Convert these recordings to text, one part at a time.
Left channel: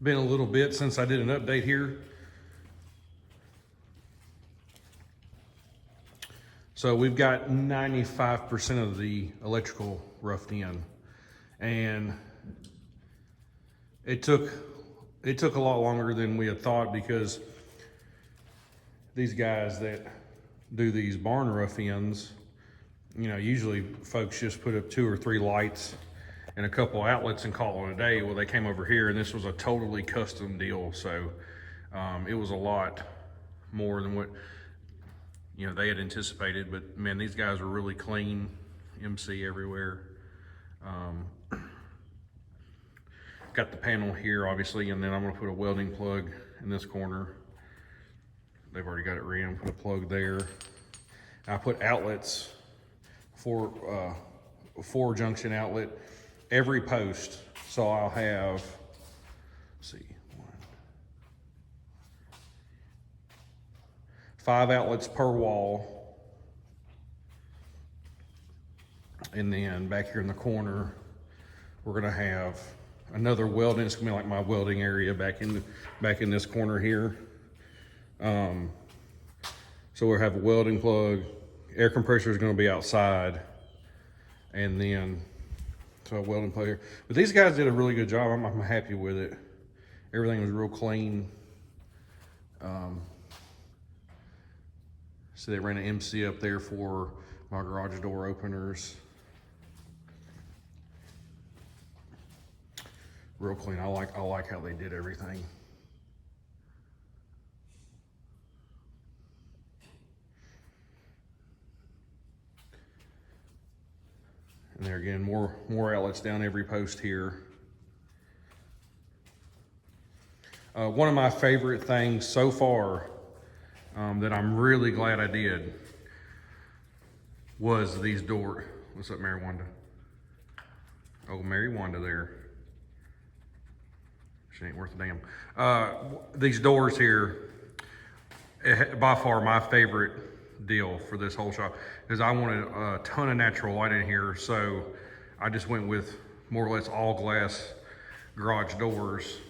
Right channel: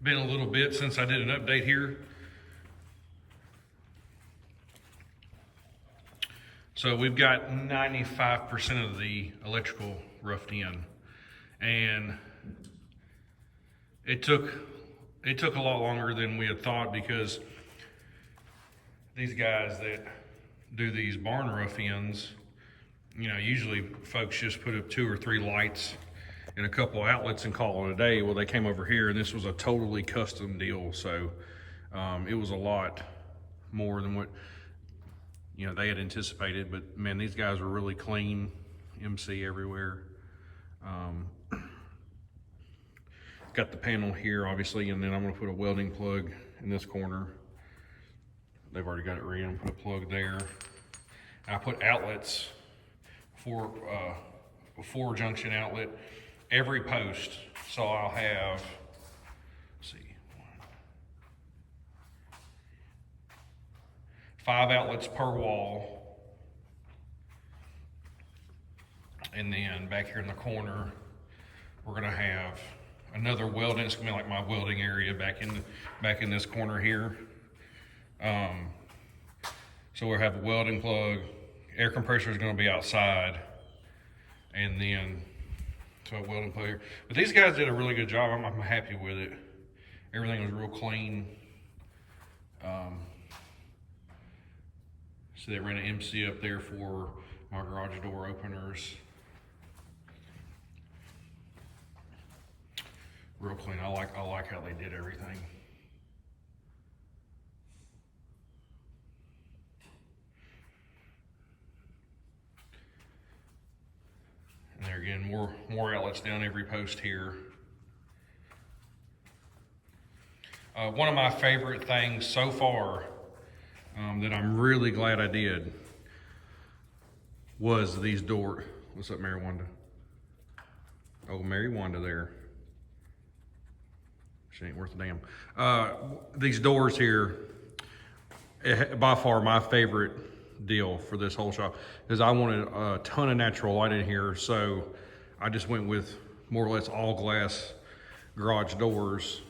Been a little bit since I did an update here. So we've got 95% of the electrical roughed in, and it took a lot longer than we had thought, because these guys that do these barn rough ins, you know, usually folks just put up 2 or 3 lights and a couple outlets and call it a day. Well, they came over here and this was a totally custom deal, so it was a lot more than what, you know, they had anticipated. But man, these guys were really clean, MC everywhere. Got the panel here, obviously, and then I'm gonna put a welding plug in this corner. They've already got it ready. I'm gonna put a plug there. And I put outlets for 4-junction outlet every post. So I'll have, let's see, 5 outlets per wall. And then back here in the corner, we're gonna have another welding. It's gonna be like my welding area back in this corner here. So we'll have a welding plug. Air compressor is gonna be outside, and then so a welding plug here. But these guys did a really good job. I'm happy with it. Everything was real clean. So they ran an MC up there for my garage door openers. Real clean. I like how they did everything. And there again, more outlets down every post here. One of my favorite things so far that I'm really glad I did was these doors. What's up, Mary Wanda? Oh, Mary Wanda there. She ain't worth a damn. These doors here, by far my favorite deal for this whole shop, because I wanted a ton of natural light in here. So I just went with more or less all glass garage doors.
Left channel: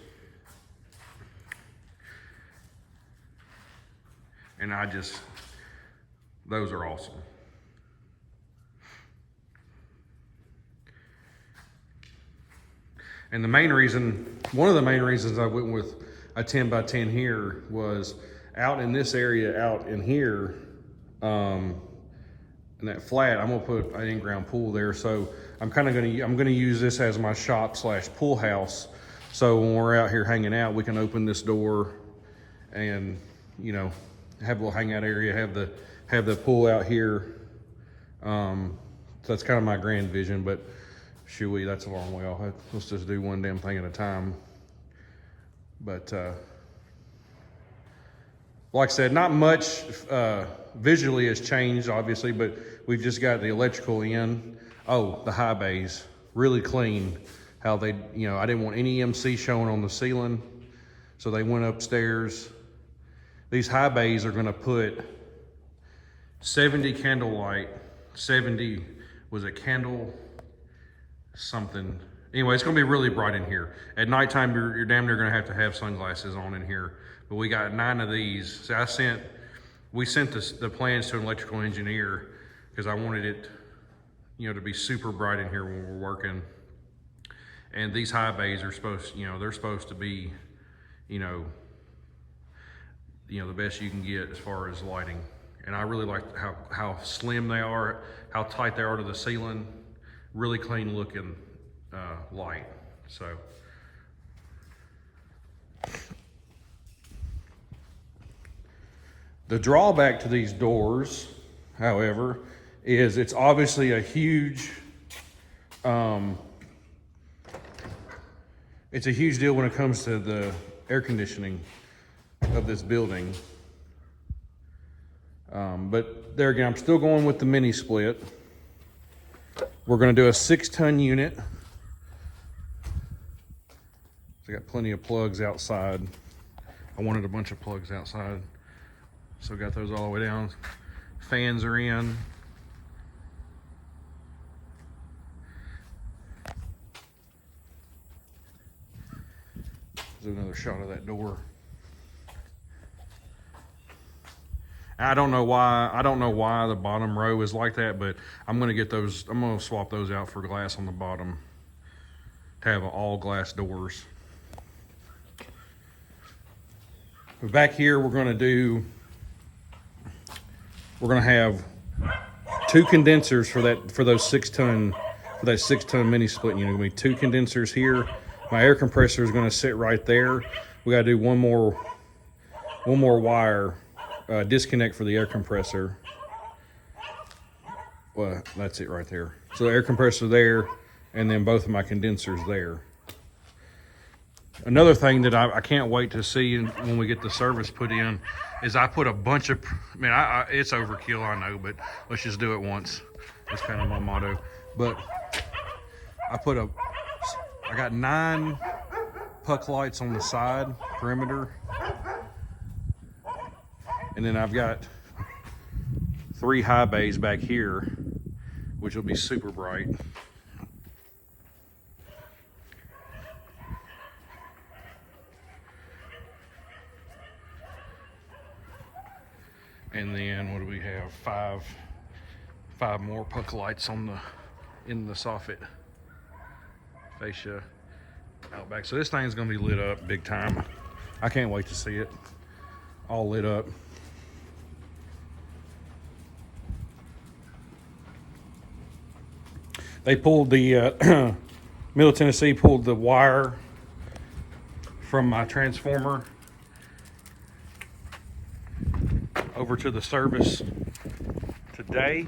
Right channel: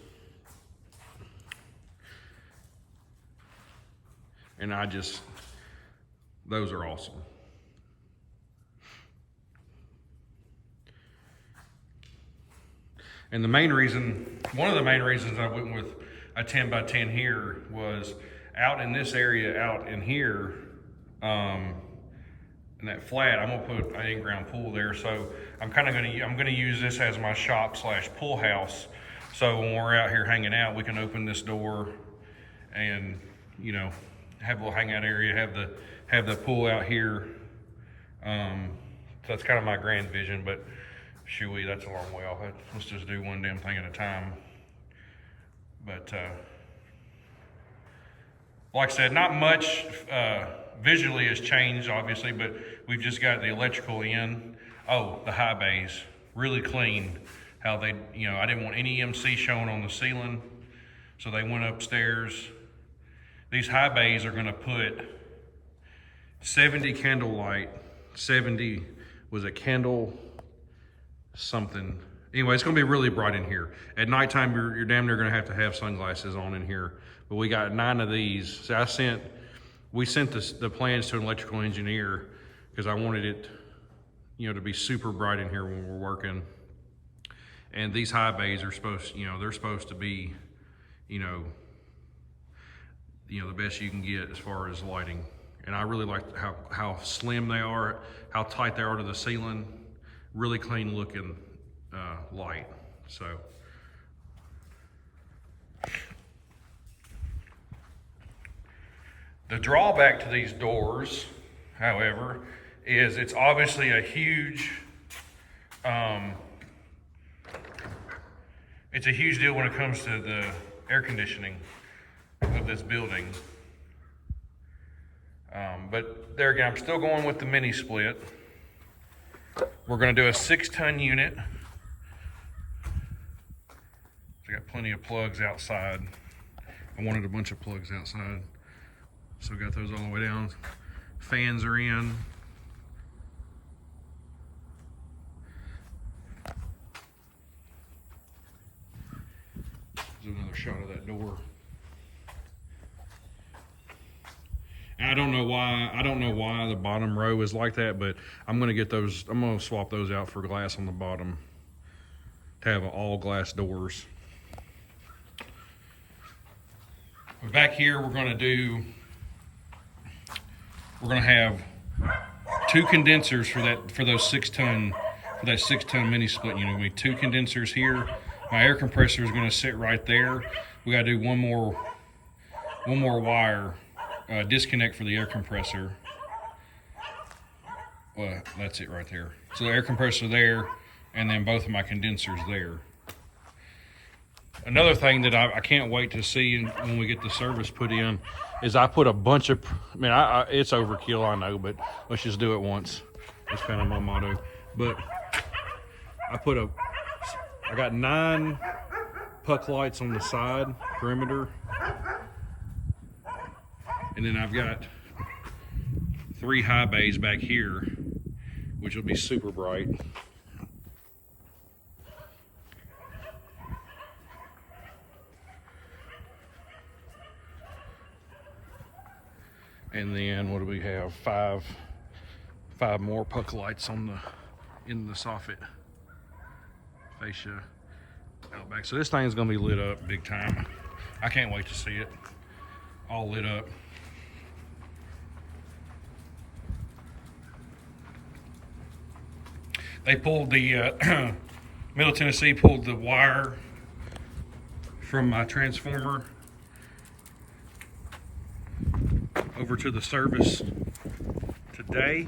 And those are awesome. And one of the main reasons I went with a 10 by 10 here was out in this area, out in here, in that flat, I'm gonna put an in-ground pool there. So I'm gonna use this as my shop / pool house. So when we're out here hanging out, we can open this door and, you know, have a little hangout area, have the pool out here. So that's kind of my grand vision, but shooey, that's a long way off. Let's just do one damn thing at a time. But like I said, not much visually has changed, obviously, but we've just got the electrical in. Oh, the high bays, really clean. How they, you know, I didn't want any MC showing on the ceiling, so they went upstairs. These high bays are gonna put 70 candlelight, 70 was a candle something. Anyway, it's gonna be really bright in here. At nighttime, you're damn near gonna have to have sunglasses on in here. But we got 9 of these. So we sent the plans to an electrical engineer because I wanted it, you know, to be super bright in here when we're working. And these high bays are they're supposed to be, you know, the best you can get as far as lighting. And I really like how slim they are, how tight they are to the ceiling. Really clean looking light. So the drawback to these doors, however, is it's obviously a huge it's a huge deal when it comes to the air conditioning of this building. But there again, I'm still going with the mini split. We're gonna do a 6-ton unit. So I got plenty of plugs outside. I wanted a bunch of plugs outside. So got those all the way down. Fans are in. Zoom in shot of that door. I don't know why the bottom row is like that, but I'm gonna get those. I'm gonna swap those out for glass on the bottom to have all glass doors. Back here, we're gonna have 2 condensers for that 6-ton mini split unit. Gonna be 2 condensers here. My air compressor is gonna sit right there. We gotta do one more wire disconnect for the air compressor. Well, that's it right there. So the air compressor there, and then both of my condensers there. Another thing that I can't wait to see when we get the service put in is I put a bunch of, it's overkill, I know, but let's just do it once. That's kind of my motto. But I got 9 puck lights on the side perimeter. And then I've got 3 high bays back here, which will be super bright. And then what do we have? 5 more puck lights in the soffit fascia out back. So this thing's gonna be lit up big time. I can't wait to see it all lit up. They pulled the Middle Tennessee pulled the wire from my transformer over to the service today.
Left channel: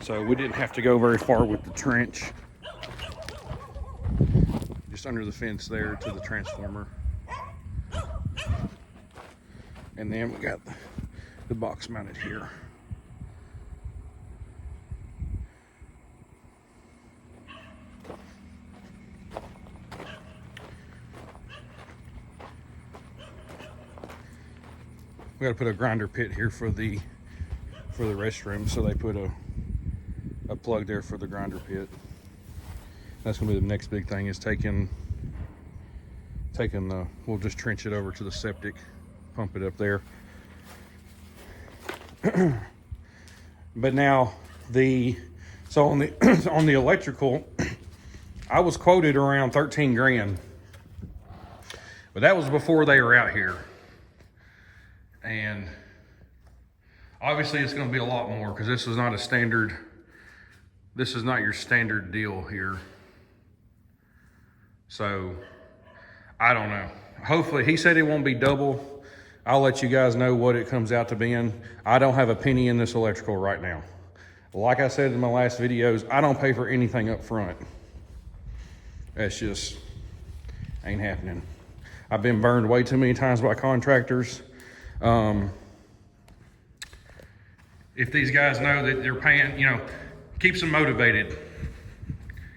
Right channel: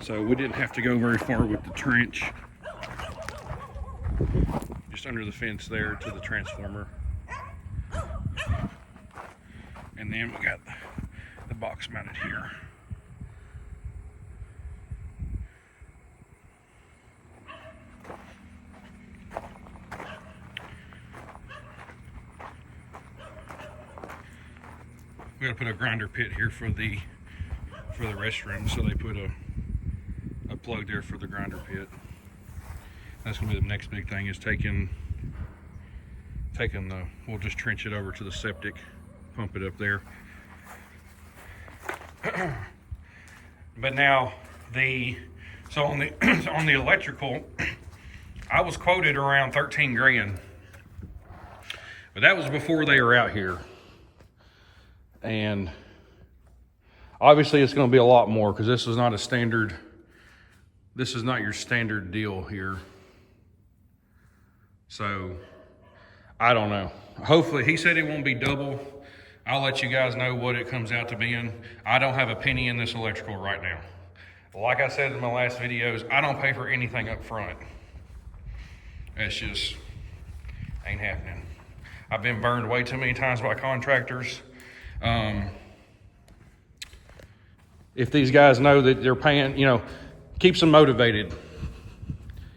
So we didn't have to go very far with the trench. Just under the fence there to the transformer. And then we got the box mounted here. We got to put a grinder pit here for the restroom, so they put a plug there for the grinder pit. That's gonna be the next big thing, is taking we'll just trench it over to the septic, pump it up there. But now on the electrical, I was quoted around 13 grand, but that was before they were out here. And obviously it's going to be a lot more, because this is not your standard deal here. So I don't know. Hopefully, he said it won't be double. I'll let you guys know what it comes out to being. I don't have a penny in this electrical right now. Like I said in my last videos, I don't pay for anything up front. That's just ain't happening. I've been burned way too many times by contractors. If these guys know that they're paying, keeps them motivated.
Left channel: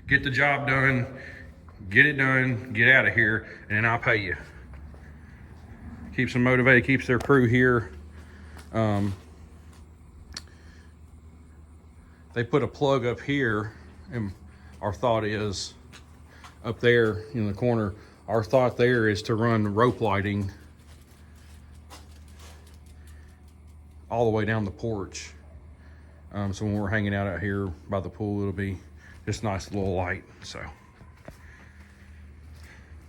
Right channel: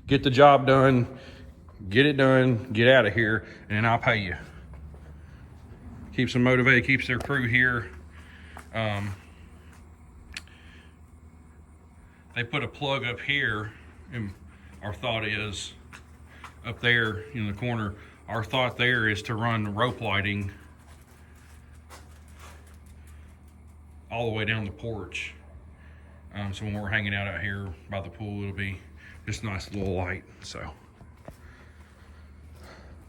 Get the job done, get it done, get out of here, and then I'll pay you. Keeps them motivated, keeps their crew here. They put a plug up here, and our thought is up there in the corner, our thought there is to run rope lighting all the way down the porch. So when we're hanging out here by the pool, it'll be just nice little light. So,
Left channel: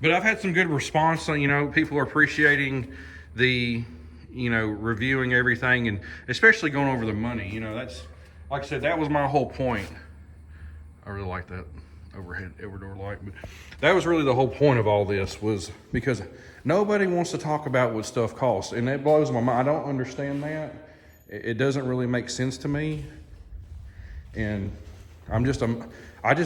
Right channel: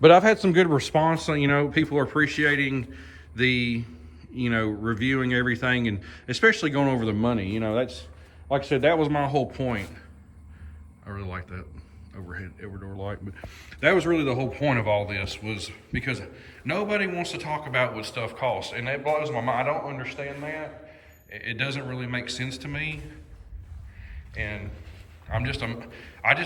but I've had some good response. People are appreciating the, reviewing everything, and especially going over the money. That's, like I said, that was my whole point. I really like that overdoor light, but that was really the whole point of all this, was because nobody wants to talk about what stuff costs, and that blows my mind. I don't understand that. It doesn't really make sense to me, and I just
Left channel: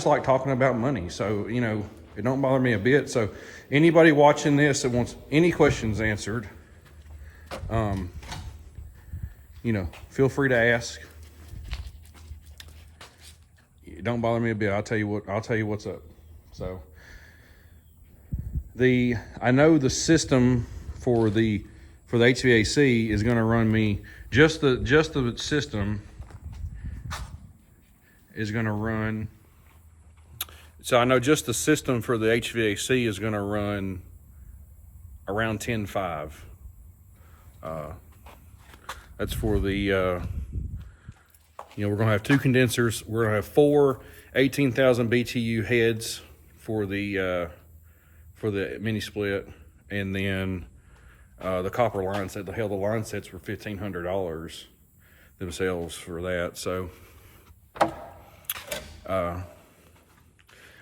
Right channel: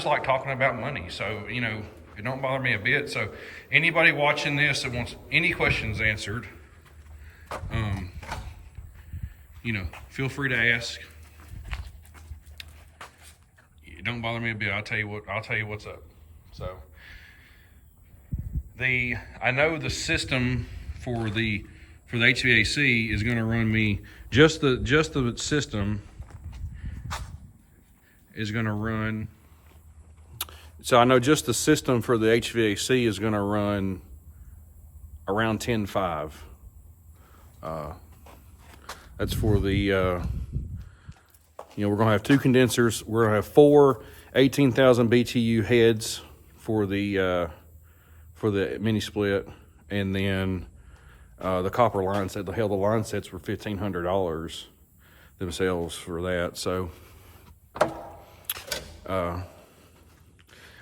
like talking about money. So it don't bother me a bit. So anybody watching this that wants any questions answered, feel free to ask. It don't bother me a bit. I'll tell you what's up. So I know the system for the HVAC is going to run me, just the system is going to run So I know just the system for the HVAC is gonna run around 10.5. That's for the, we're gonna have 2 condensers. We're gonna have 4 18,000 BTU heads for the mini split, and then the copper line set. The line sets were $1,500 themselves for that. So,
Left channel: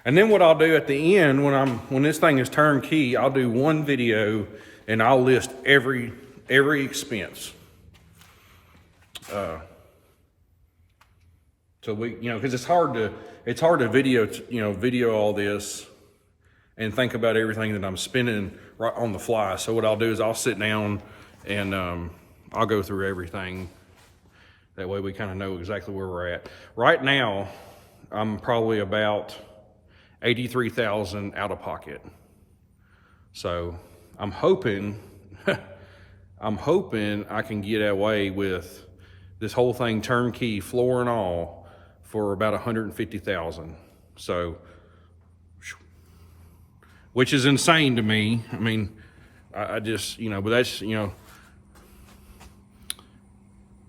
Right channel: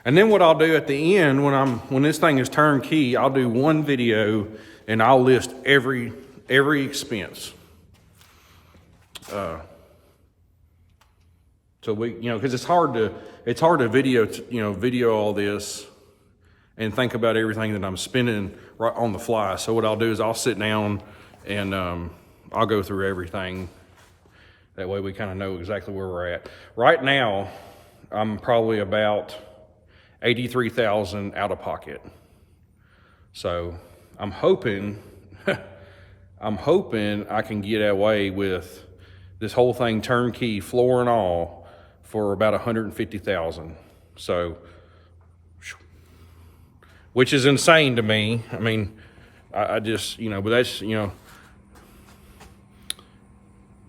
and then what I'll do at the end when this thing is turnkey, I'll do one video and I'll list every expense. So we, because it's hard to video all this and think about everything that I'm spending right on the fly. So what I'll do is I'll sit down and I'll go through everything. That way we kind of know exactly where we're at. Right now, I'm probably about $83,000 out of pocket. So I'm hoping I can get away with this whole thing turnkey, floor and all, for about $150,000. So, which is insane to me. I mean, I just, but that's,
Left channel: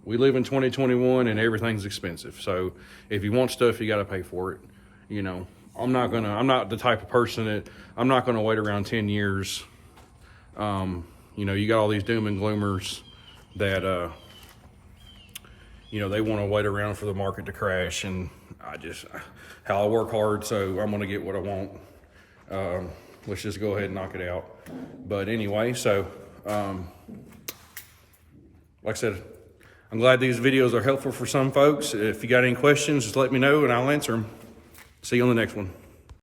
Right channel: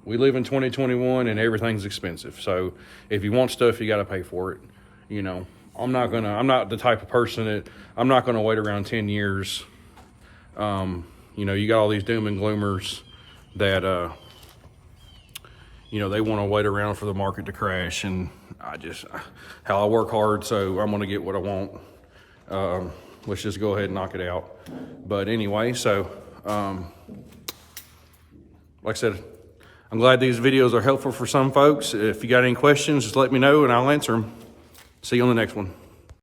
we live in 2021 and everything's expensive. So if you want stuff, you got to pay for it. I'm not the type of person that, I'm not going to wait around 10 years. You got all these doom and gloomers that, they want to wait around for the market to crash, and I work hard, so I'm going to get what I want. Let's just go ahead and knock it out. But anyway, so, like I said, I'm glad these videos are helpful for some folks. If you got any questions, just let me know and I'll answer them. See you on the next one.